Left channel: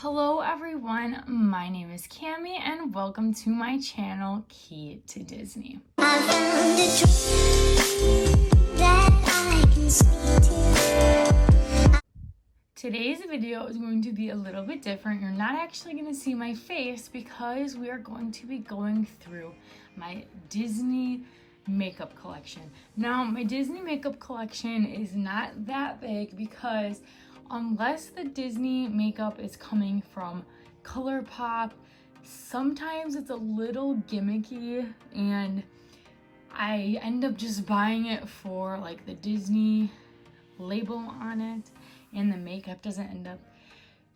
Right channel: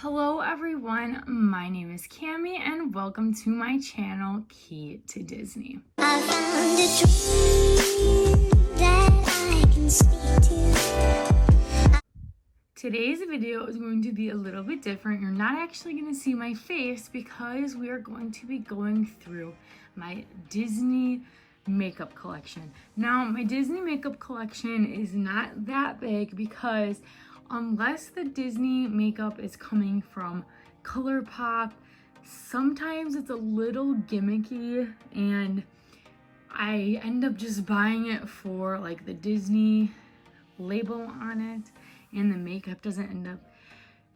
Hello everyone, my name is Cami and welcome to my channel, Key to Disney. I found a dream that I can speak to. Today's video is going to be a little bit different. You're not actually going to see my face because we are going to be going through my Disney makeup collection. Now, my Disney makeup collection is not that big because unless the Disney makeup is coming from Colourpop, sometimes it's a little gimmicky and I end up just buying it for like the Disney label on it, and the makeup doesn't end up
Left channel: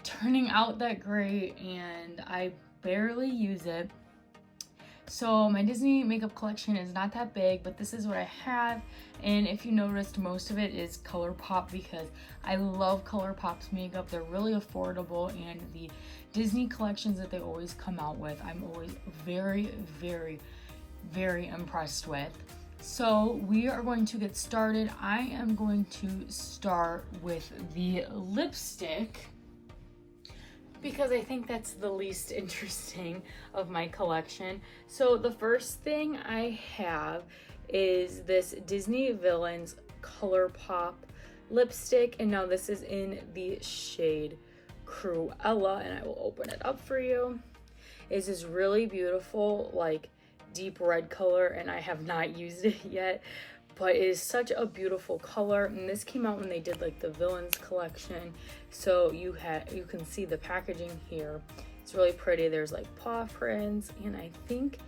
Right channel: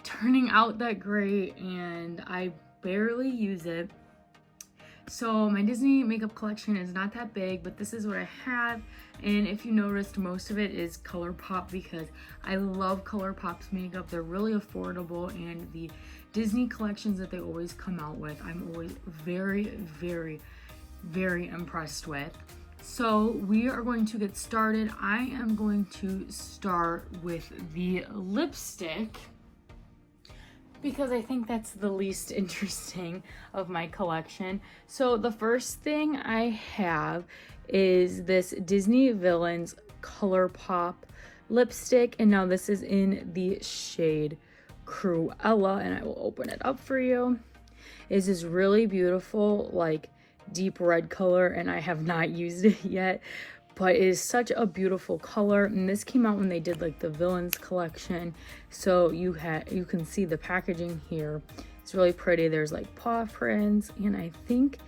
turning out that great and I barely use it. So my Disney makeup collection is not that big, but this is what I have. And if you noticed, most of it is Colourpop because I love Colourpop's makeup. They're really affordable, and the Disney collections that they always come out with, I'm always very, very, very impressed with. So we are going to get started. I am going to start with the lipstick because I think that's the least interesting of my collection. So the first thing I have is this Disney Villains Colourpop lipstick, and now this is in the shade Cruella, and I will open it up for you. It's this really beautiful, like, deep red color, and I have not used it yet, but it is such a beautiful color. And this came out when they did like the Villains collection, so you can see the packaging here. It's really pretty. There's like paw prints, and I think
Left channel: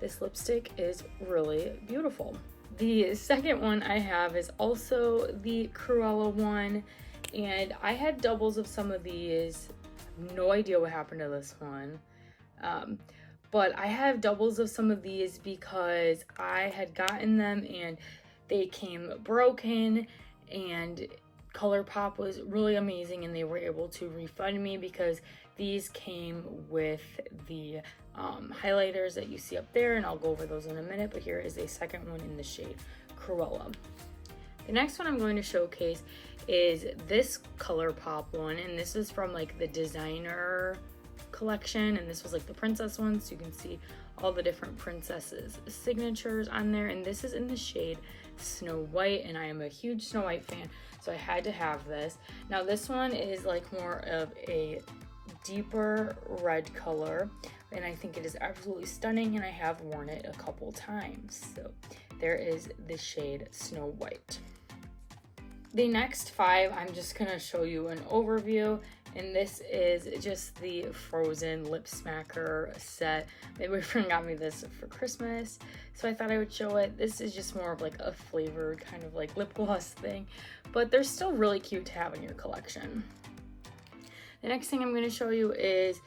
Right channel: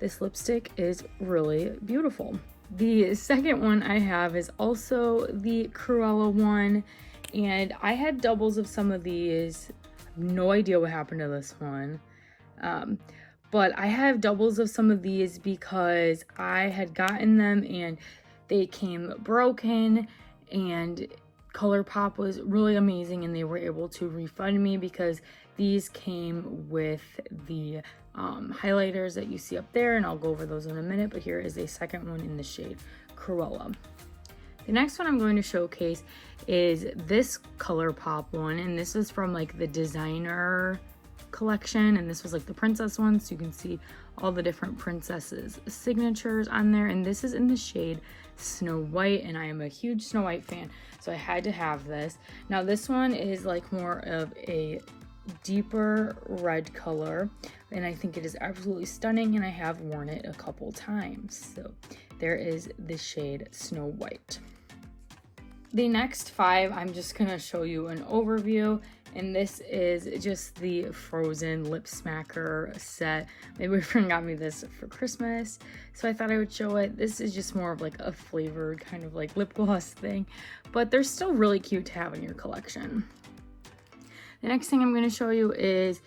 this lipstick is really beautiful. The second one I have is also the Cruella one, and I had doubles of some of these. No idea what happened to this one. But I have doubles of some of these because I had gotten them and they came broken, and Colourpop was really amazing and they were able to refund me because these came with the highlighters that you see up there, and I'll go over those in a minute, but here is a second one in the shade Cruella. The next one I'm going to showcase is this Colourpop one, and this is from like the designer collection, and this was like the princess one, so you can see all the different princesses signatures on there, and this is in the shade Snow White, and I am a huge Snow White fan, so I had to have this. Now this one is like more of a deeper red color, and I think it is absolutely stunning, and I have worn it a couple times. So there is the shade Snow White. The next five, I'm just gonna show you an overview, and this is just the Frozen Lip Smacker set. My boyfriend got me this for Christmas, so I thought I would show it. This is just more of like a flavored kind of like lip gloss thing, but they're still really cute to have in your collection. The next thing I'm gonna show you is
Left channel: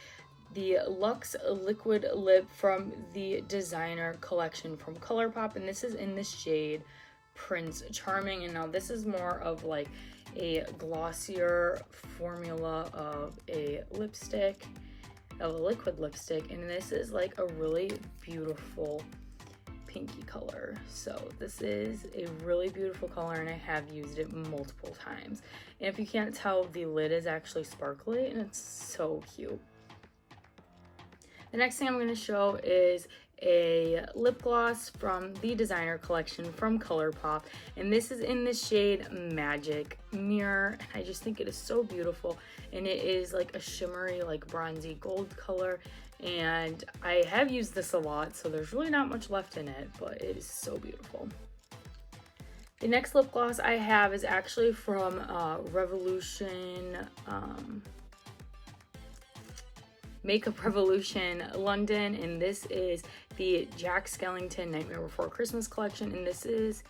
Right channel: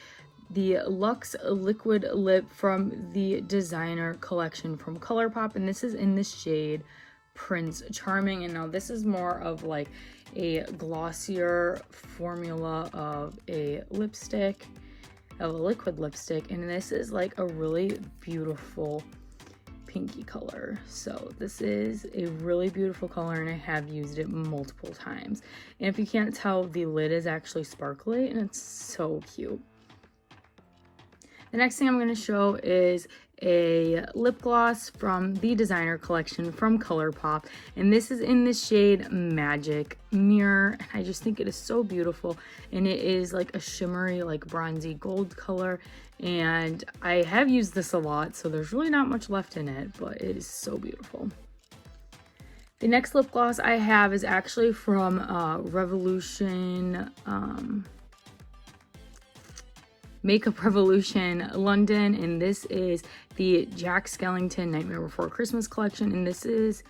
the Luxe Liquid Lip from the designer collection from Colourpop, and this is in the shade Prince Charming, and now this is more of like a glossier formula of a lipstick, of a liquid lipstick, and this is like a really beautiful pinky color. So this is a really beautiful color, and I have used it multiple times, and if you can't tell, the lid is actually sparkly and it's so cute. The next thing I'm going to show is a lip gloss from the designer collection from Colourpop, and this is in the shade Magic Mirror. I just think it is so beautiful, and it is like a shimmery, like bronzy gold color, and I have used this a lot, so there's really not much left in it, but it is so beautiful. The next lip gloss I have is actually from Revolution Makeup Revolution London, and this is the Jack Skellington Nightmare Before Christmas collection, and this is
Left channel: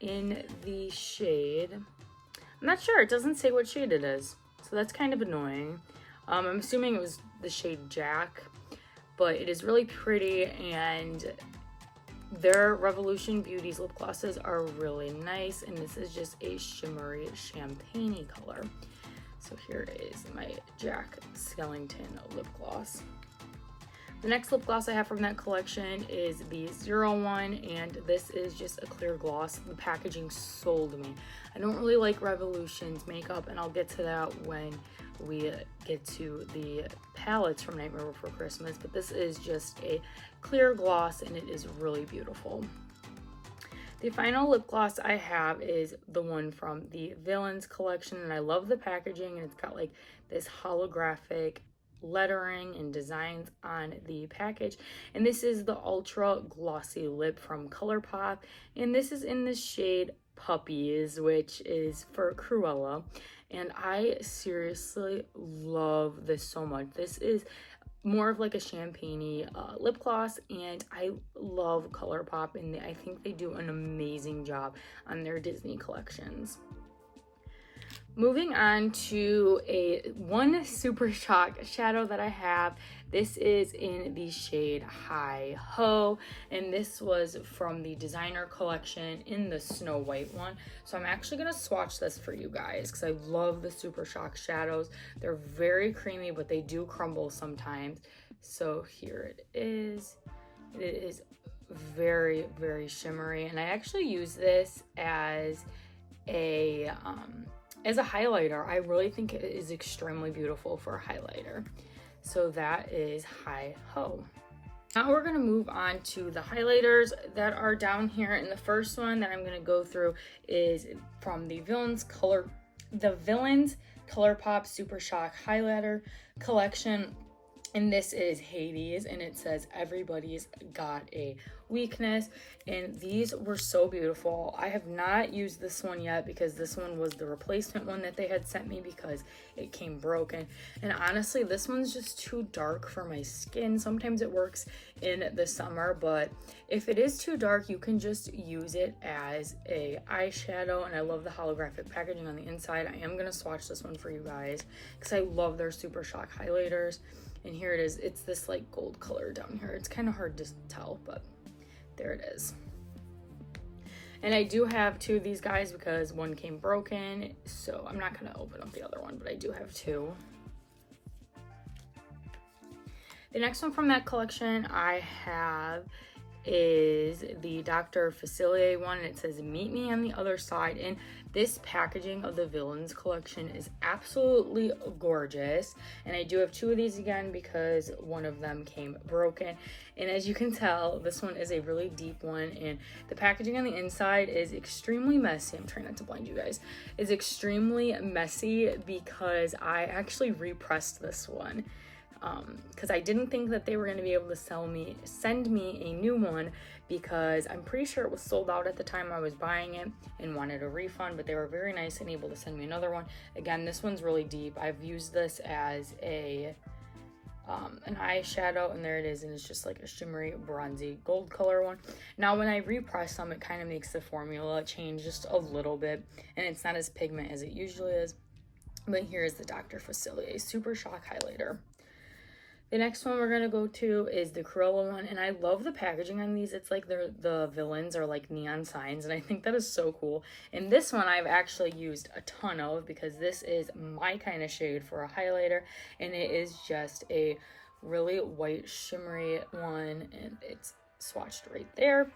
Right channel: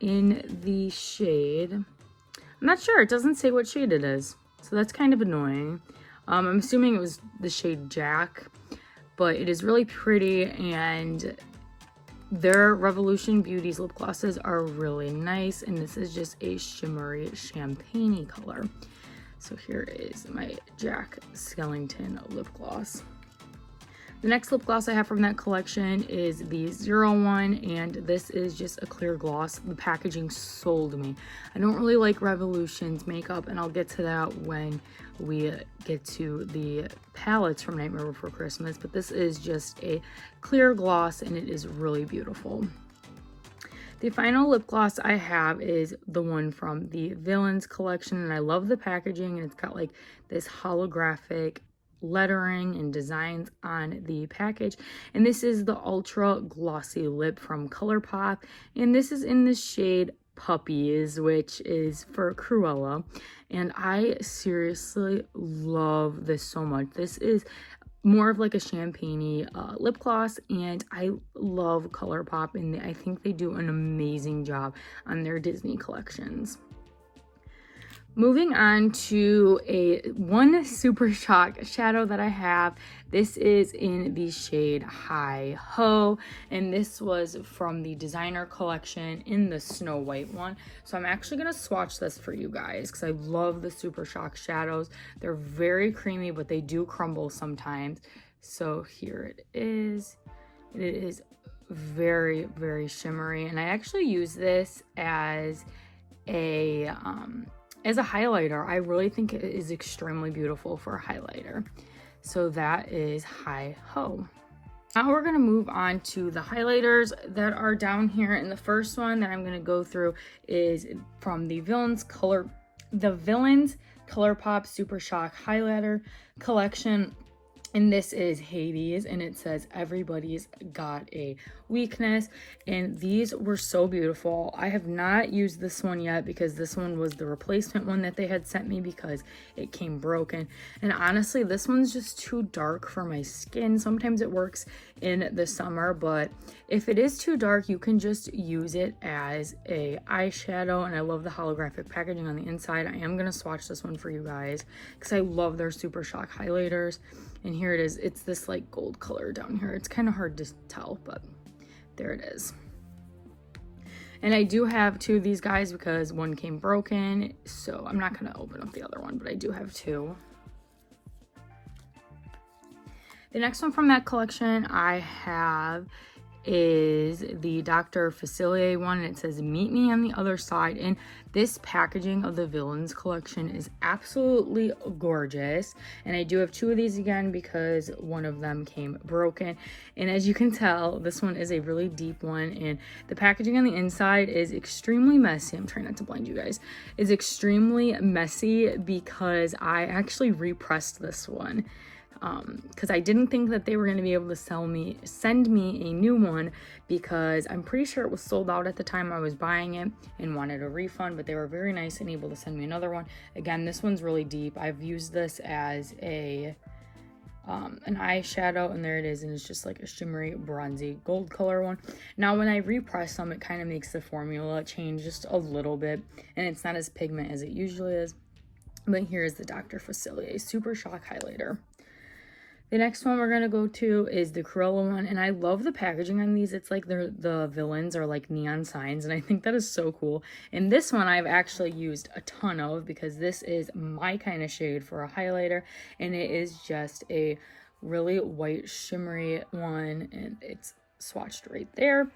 in the shade, I'm not sure, it doesn't say what shade it is, so that's kind of annoying. I'm assuming it was the shade Jack, but it is really pretty, and their Revolution Beauties lip glosses are really nice, and this is just a shimmery champagne color. So here is my Jack Skellington lip gloss. The next lip gloss I have from that collection is the 01, and this is just a clear gloss. The packaging sold me. I don't really like Revolution's makeup, and I'll get to that when we get to the palettes from Nightmare Before Christmas, but this is just a clear gloss, and it is really beautiful. The final lip gloss I have is the one from the Villains collection, and I love the packaging, and it's got like this holographic lettering and designs on the package, and this is the Ultra Glossy Lip from Colourpop, and this is in the shade Puppies, which is for Cruella, and I seriously love this so much. This is more of like a champagne-y lip gloss, and I love Colourpop, and I think they do an amazing job on their Disney collections. Moving on to one Super Shock shadow that I have. This is in the shade Hi Ho, and this was from the designer collection in the Snow White one. So I'm actually gonna swatch this for you guys because I love the Super Shock shadows. They're very creamy, but they do crumble sometimes. So here it is. It is very, very shimmery, and I actually use this as a highlighter. I really think it is extremely beautiful for a highlighter. So that is Hi Ho. Now we're going to move on to the highlighters that are down here, and the first one that I'm going to go through is from the Villains Colourpop Super Shock Highlighter Collection. And this is Hades, and it says everybody's got a weakness, and these were so beautiful. I have not used this one yet because this one was the replacement one that they had sent me because it came broken, and honestly this one's just too dark for my skin. Sometimes it works in the summer, but if it is too dark, you can just use it as a eyeshadow, and I love the holographic packaging on the inside. I am going to swatch this one for you guys because I love their Super Shock highlighters. And here it is. It's this like gold color down here. It's kind of hard to tell, but there it is. And I do have two of these guys because one came broken, so I'm not going to open up the other one, but I do have two. The next one from that collection I have is the Dr. Facilier one, and it says meet me on the other side, and this packaging of the Villains collection is absolutely gorgeous, and I do have two of these again because one of them came broken, and as you can tell this one is a really deep one, and the packaging on the inside is extremely messy. I'm trying not to blind you guys. It's extremely messy because I actually repressed this one because I didn't think that they were going to be able to send me a new one, because I'm pretty sure it was sold out at the time I was buying it and wanted a refund, but they were very nice and able to send me another one. Again, this one's really deep. I've used this as an eyeshadow, and there it is, and it's just like a shimmery bronzy gold color one. Now when I repress them, it kind of makes the formula change just a little bit, and it's not as pigment as it usually is. But here is the Dr. Facilier Super Shock highlighter. The next one we're going to go to is the Cruella one, and I love the packaging on these. It's like the villains are like neon signs, and I think that is so cool. And this one I've actually used a ton of because this is my kind of shade for a highlighter, and it is just a really white shimmery one, and it's swatched right there.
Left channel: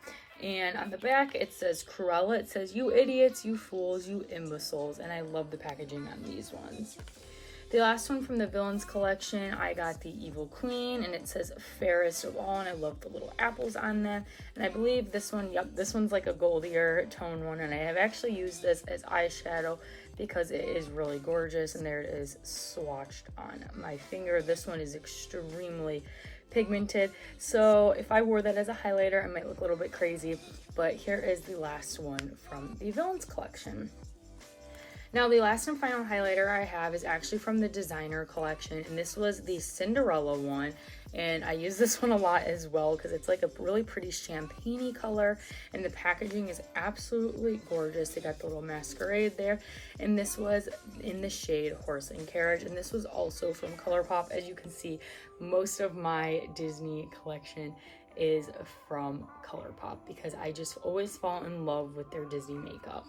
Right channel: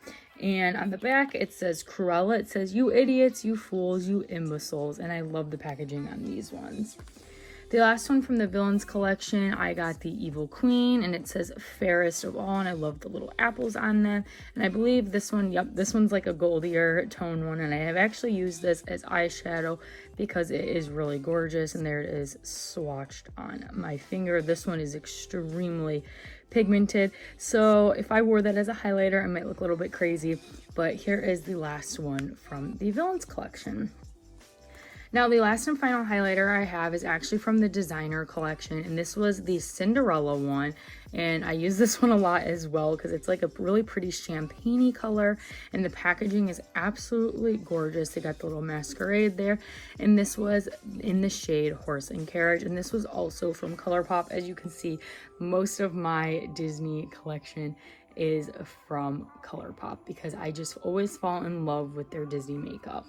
And on the back it says Cruella. It says, "You idiots, you fools, you imbeciles," and I love the packaging on these ones. The last one from the Villains collection, I got the Evil Queen, and it says fairest of all, and I love the little apples on them. And I believe this one, yep, this one's like a goldier tone one, and I have actually used this as eyeshadow because it is really gorgeous, and there it is swatched on my finger. This one is extremely pigmented, so if I wore that as a highlighter, I might look a little bit crazy, but here is the last one from the Villains collection. Now, the last and final highlighter I have is actually from the designer collection, and this was the Cinderella one, and I use this one a lot as well because it's like a really pretty champagne-y color, and the packaging is absolutely gorgeous. They got the little masquerade there, and this was in the shade Horse and Carriage, and this was also from Colourpop. As you can see, most of my Disney collection is from Colourpop because I just always fall in love with their Disney makeup.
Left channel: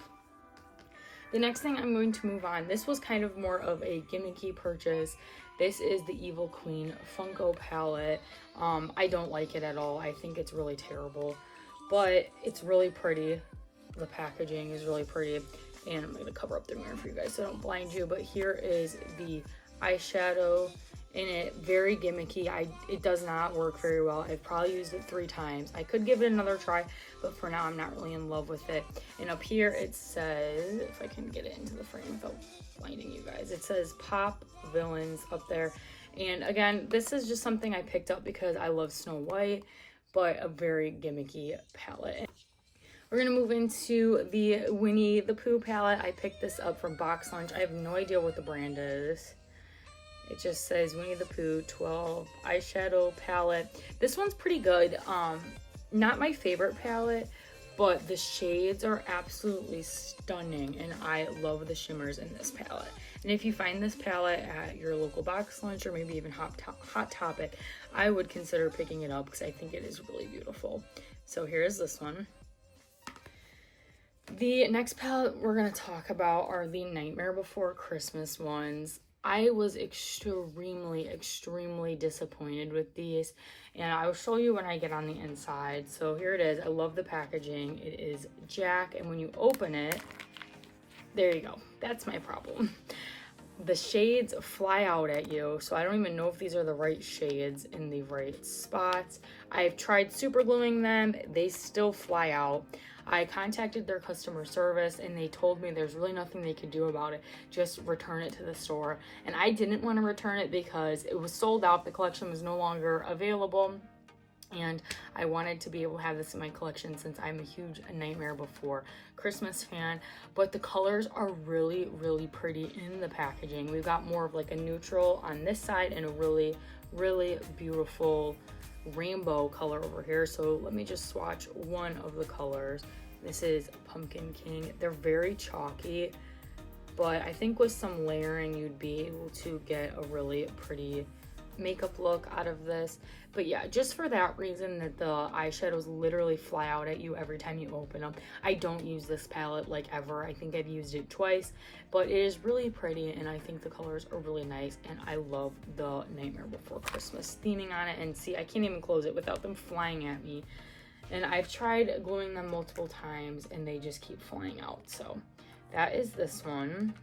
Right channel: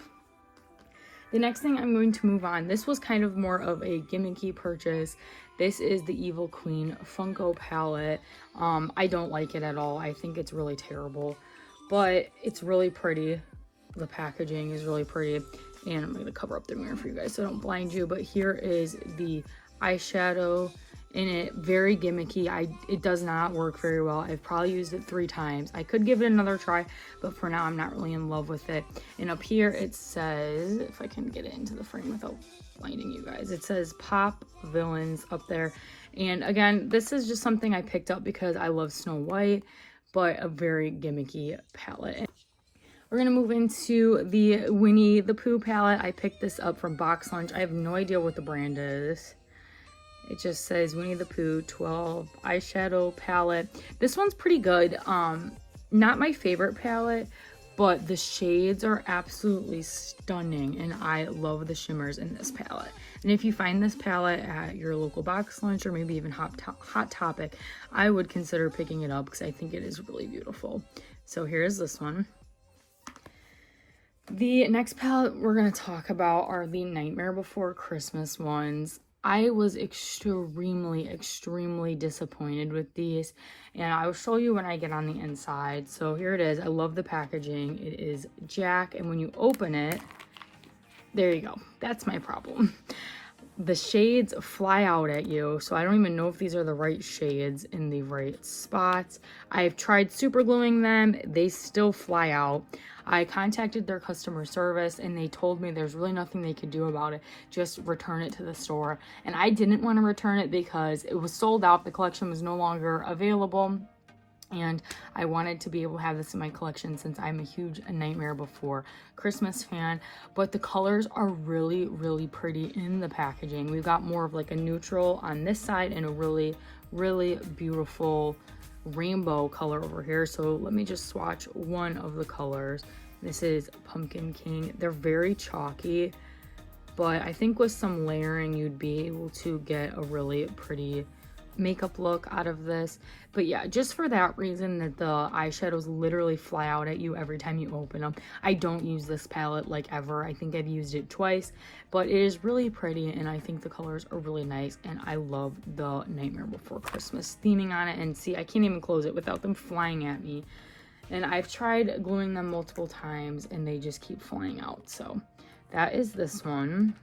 The next thing I'm going to move on, this was kind of more of a gimmicky purchase. This is the Evil Queen Funko palette. I don't like it at all. I think it's really terrible, but it's really pretty. The packaging is really pretty, and I'm going to cover up the mirror for you guys so I don't blind you, but here is the eyeshadow in it. Very gimmicky. It does not work very well. I've probably used it 3 times. I could give it another try, but for now I'm not really in love with it. And up here it says, if I can get it into the frame without blinding you guys, it says Pop Villains up there. And again, this is just something I picked up because I love Snow White, but a very gimmicky palette. We're gonna move into the Winnie the Pooh palette. I picked this up from Box Lunch. I have no idea what the brand is. It just says Winnie the Pooh 12 eyeshadow palette. This one's pretty good. Not my favorite palette, but the shades are absolutely stunning, and I love the shimmers in this palette. And if you find this palette at your local Box Lunch or maybe even Hot Topic, I would consider picking it up because I think it is really beautiful. So here's this one. The next palette we're going to talk about are the Nightmare Before Christmas ones. I was extremely disappointed with these, and I'll show you when I get on the inside. So here it is. I love the packaging. It is Jack, and when you open it, there you go. That's my problem. The shades fly out at you, so I don't even know if these are the right shades in the right spots. I've tried super gluing them. They still fly out. I contacted their customer service and they told me there's really nothing they could do about it, just return it to the store. And I didn't want to return it because it was sold out. The collection was no longer available, and I wanted to be able to have this in my collection since I'm a huge Nightmare Before Christmas fan. But the colors are really pretty in the packaging. We've got more of like a neutral on this side and a really beautiful rainbow color over here. So let me just swatch one of the colors. This is Pumpkin King. They're very chalky, but I think with some layering you'd be able to get a really pretty makeup look out of this. But yeah, just for that reason that the eyeshadows literally fly out at you every time you open them. I don't use this palette like ever. I think I've used it twice, but it is really pretty and I think the colors are really nice, and I love the Nightmare Before Christmas theming on it. And see, I can't even close it without them flying at me, and I've tried gluing them multiple times and they just keep flying out. So that is this one.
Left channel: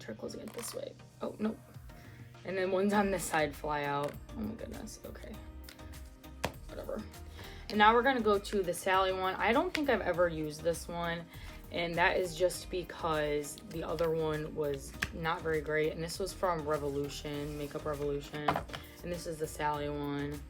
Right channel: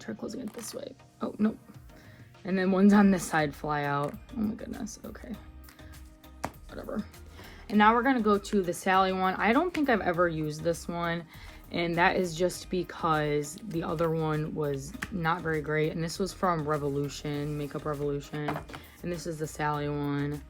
Try closing it this way. Oh, nope. And then ones on this side fly out. Oh my goodness, okay. Whatever. And now we're gonna go to the Sally one. I don't think I've ever used this one, and that is just because the other one was not very great. And this was from Revolution, Makeup Revolution. And this is the Sally one.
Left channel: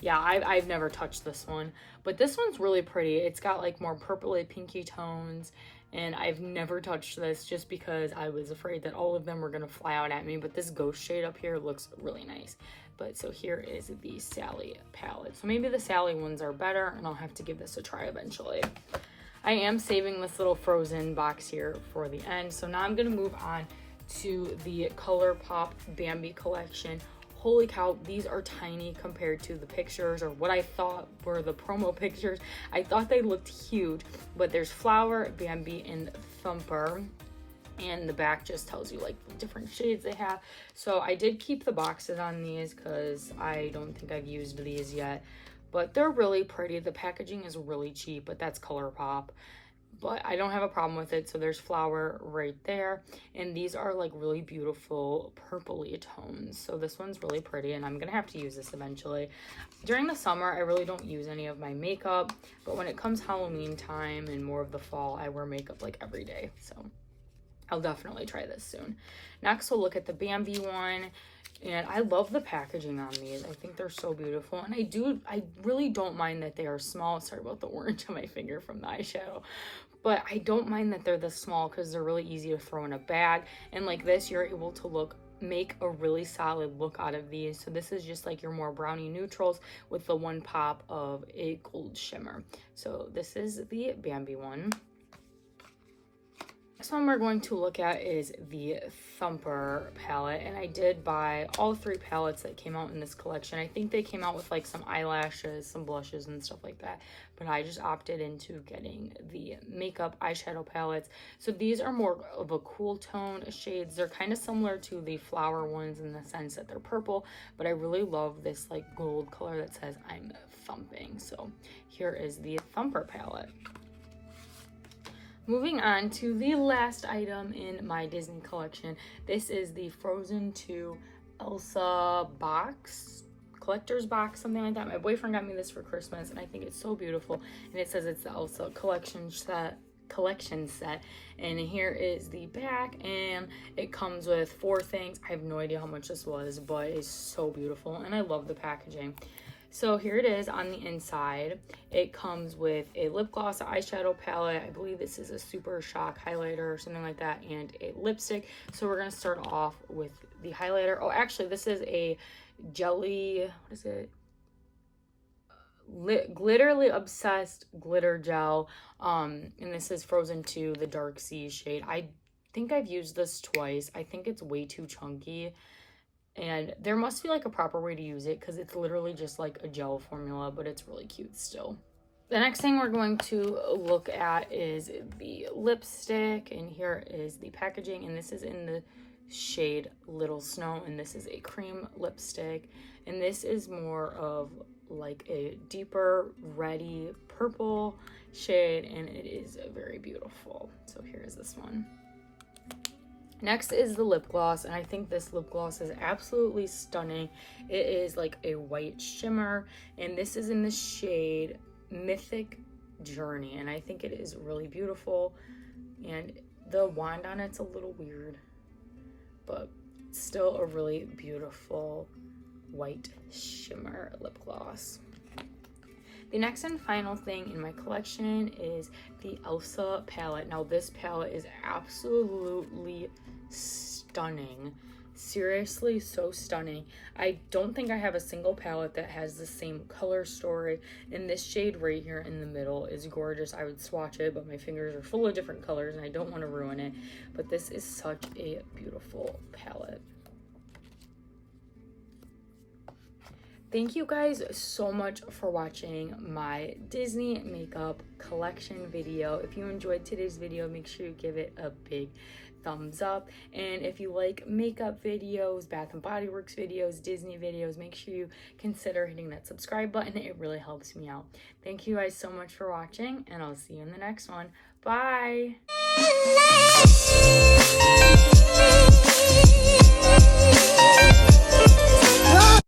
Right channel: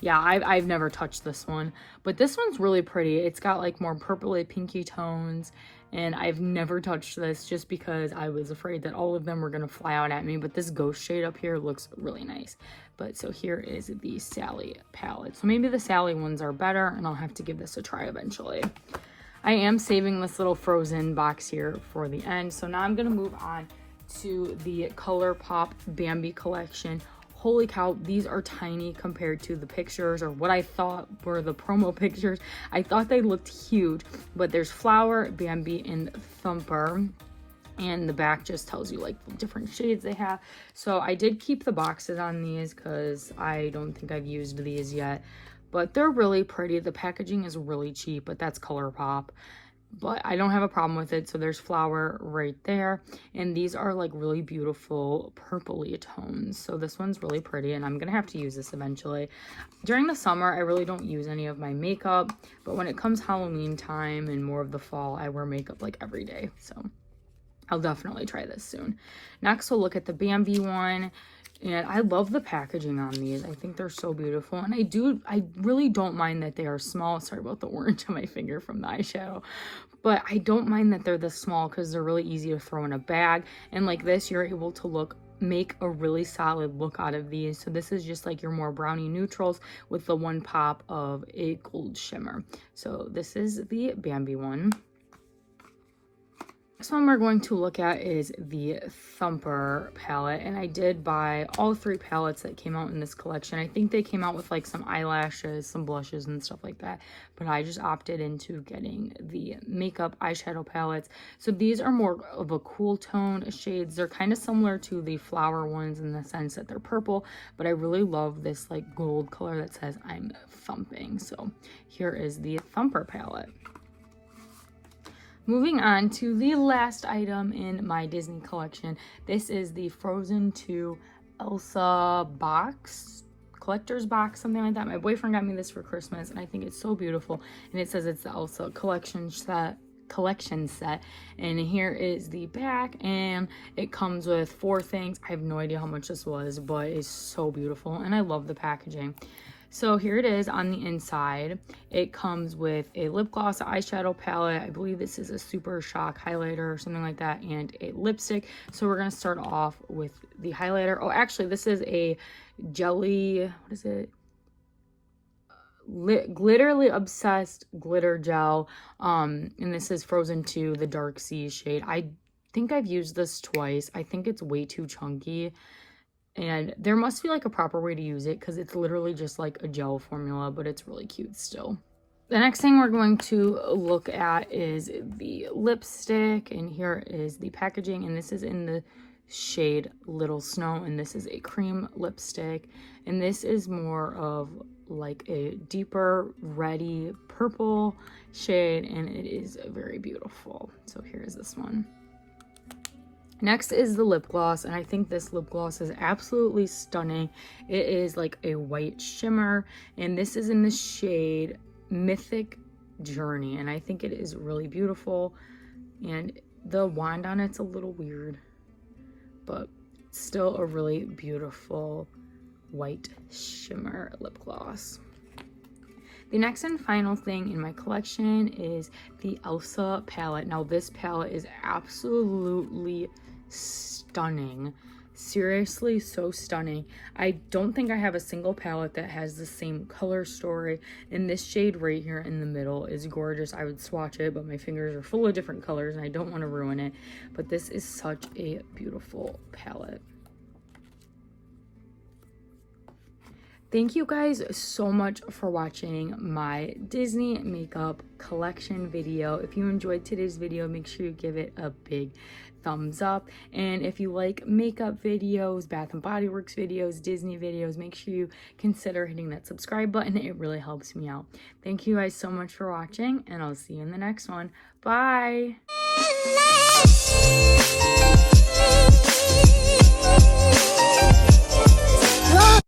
Yeah, I've never touched this one, but this one's really pretty. It's got like more purpley pinky tones, and I've never touched this just because I was afraid that all of them were gonna fly out at me. But this ghost shade up here looks really nice. But so here is the Sally palette. So maybe the Sally ones are better, and I'll have to give this a try eventually. I am saving this little frozen box here for the end. So now I'm gonna move on to the Colourpop Bambi collection. Holy cow, these are tiny compared to the pictures, or what I thought were the promo pictures. I thought they looked huge, but there's Flower, Bambi, and Thumper. And the back just tells you like the different shades they have. So I did keep the boxes on these because I don't think I've used these yet. But they're really pretty. The packaging is really cheap, but that's Colourpop. But I don't have a problem with it. So there's Flower right there, and these are like really beautiful purpley tones. So this one's really pretty, and I'm gonna have to use this eventually. During the summer I really don't use any of my makeup, but when it comes Halloween time and more of the fall, I wear makeup like every day. So I'll definitely try this soon. Next we'll look at the Bambi one. And I love the packaging on these. I think they're so beautiful. And I really don't mind that they are small. Sorry about the orange on my finger from the eyeshadow. But I don't mind that they're this small because they're really easy to throw in a bag. And like this, you're able to make a really solid look out of these. So this is just like your more brownie neutrals with the one pop of a gold shimmer. So this is the Bambi one. Next one we're going to look at is the Thumper palette, and I did buy all 3 palettes that came out in this collection. I think they came out with like some eyelashes, some blushes and stuff like that, but I just opted into getting the makeup eyeshadow palettes. So these are more of a cool tone shades. They're kind of similar to the flower ones in the sense that they're purple, but I really love this like gold color that says I'm thumping. So here is the Thumper palette. Moving on to the last item in my Disney collection. This is the Frozen 2 Elsa box, collector's box, something like that. My boyfriend got me this for Christmas, and I think it's so beautiful. And it says it's the Elsa collection set. And here is the back, and it comes with 4 things. I have no idea how much this was, but it's so beautiful, and I love the packaging. So here it is on the inside. It comes with a lip gloss, eyeshadow palette. I believe this is a Super Shock highlighter or something like that, and a lipstick. So we're going to start off with the highlighter. Oh, actually, this is a jelly, what is it? Glitterly Obsessed glitter gel. And this is Frozen 2, the Dark Sea shade. I think I've used this twice. I think it's way too chunky. And there must be like a proper way to use it because it's literally just like a gel formula, but it's really cute still. The next thing we're going to look at is the lipstick, and here is the packaging, and this is in the shade Little Snow, and this is a cream lipstick, and this is more of like a deeper reddy purple shade, and it is very beautiful. So here is this one. Next is the lip gloss, and I think this lip gloss is absolutely stunning. It is like a white shimmer, and this is in the shade Mythic Journey, and I think it is really beautiful. And the wand on it's a little weird, but still a really beautiful white shimmer lip gloss. The next and final thing in my collection is the Elsa palette. Now this palette is absolutely stunning. Seriously, so stunning. I don't think I have a single palette that has the same color story, and this shade right here in the middle is gorgeous. I would swatch it, but my fingers are full of different colors and I don't want to ruin it. But this is such a beautiful palette. Thank you guys so much for watching my Disney makeup collection video. If you enjoyed today's video, make sure you give it a big thumbs up. And if you like makeup videos, Bath and Body Works videos, Disney videos, make sure you consider hitting that subscribe button. It really helps me out. Thank you guys so much for watching, and I'll see you in the next one. Bye!